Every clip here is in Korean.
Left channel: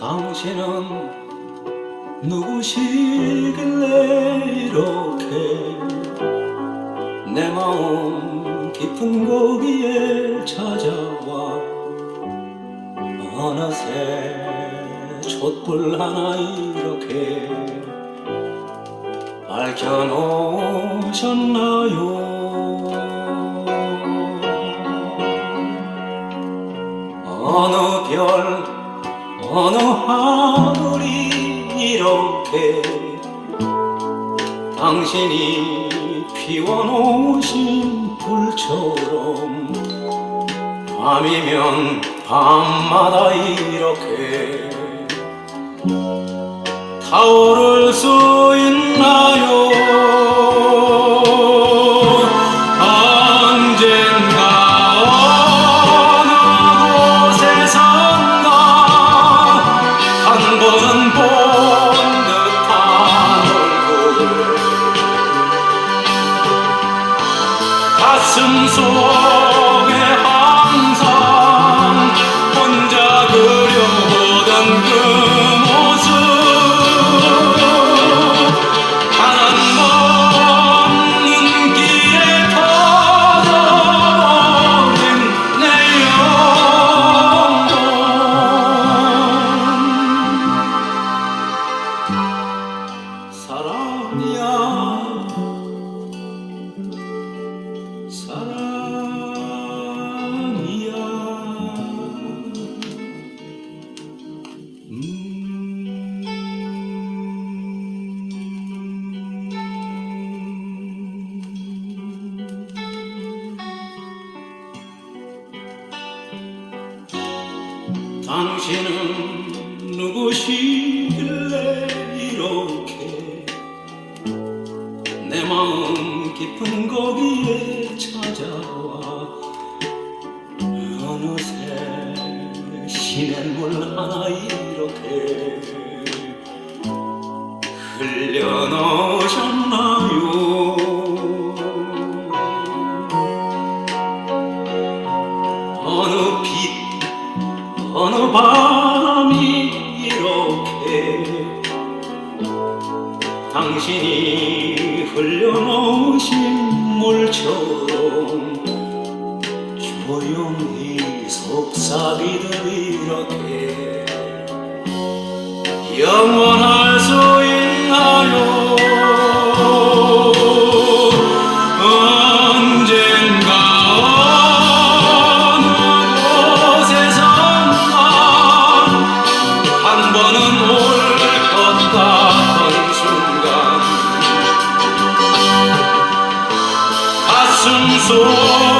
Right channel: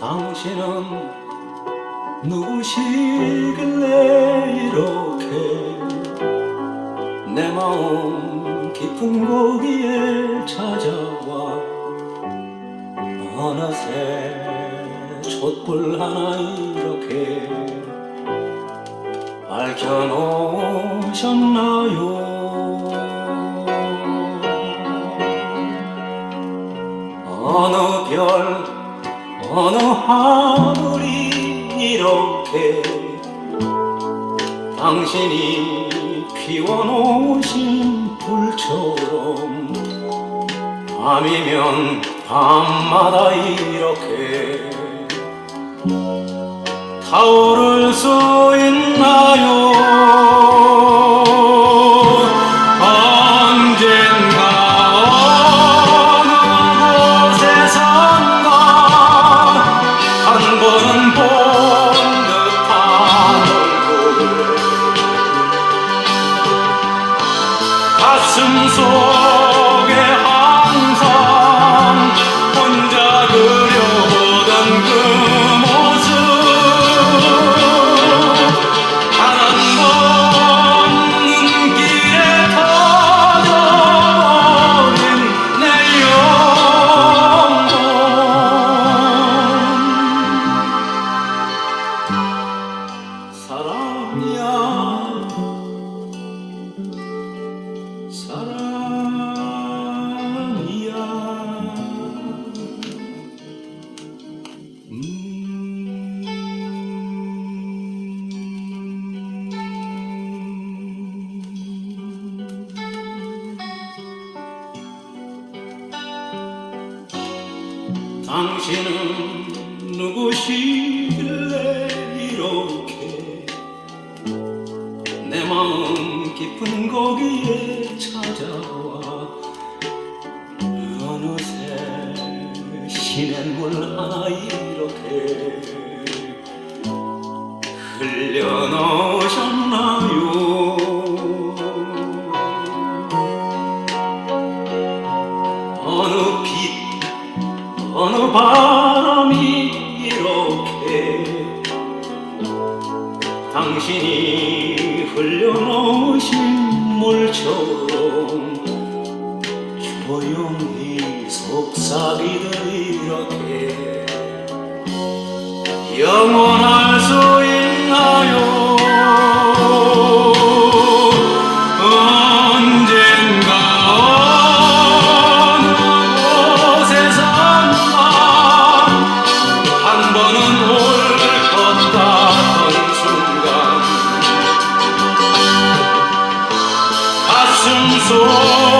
당신은 누구시길래 이렇게 내 마음 깊은 고기에 찾아와? 어느새 촛불 하나 이렇게 밝혀놓으셨나요 하늘이 이렇게 당신이 피워놓으신 불처럼 밤이면 밤마다 이렇게 타오를 수 있나 당신은 누구시길래 이렇게 내 마음 깊은 거기에 찾아와? 어느새 시냇물 하나 이 바람이 이렇게 당신이 흘려놓으신 물처럼 조용히 속삭이듯 이렇게 영원할 so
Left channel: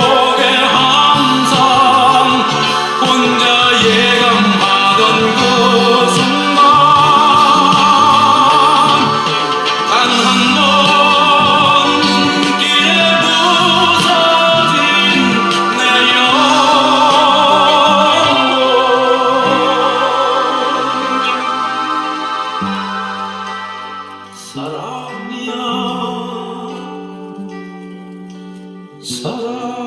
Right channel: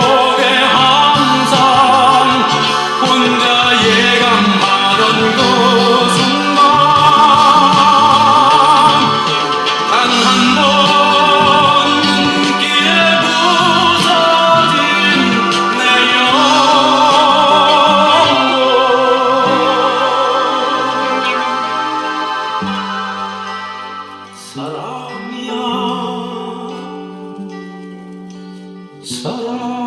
Sarah.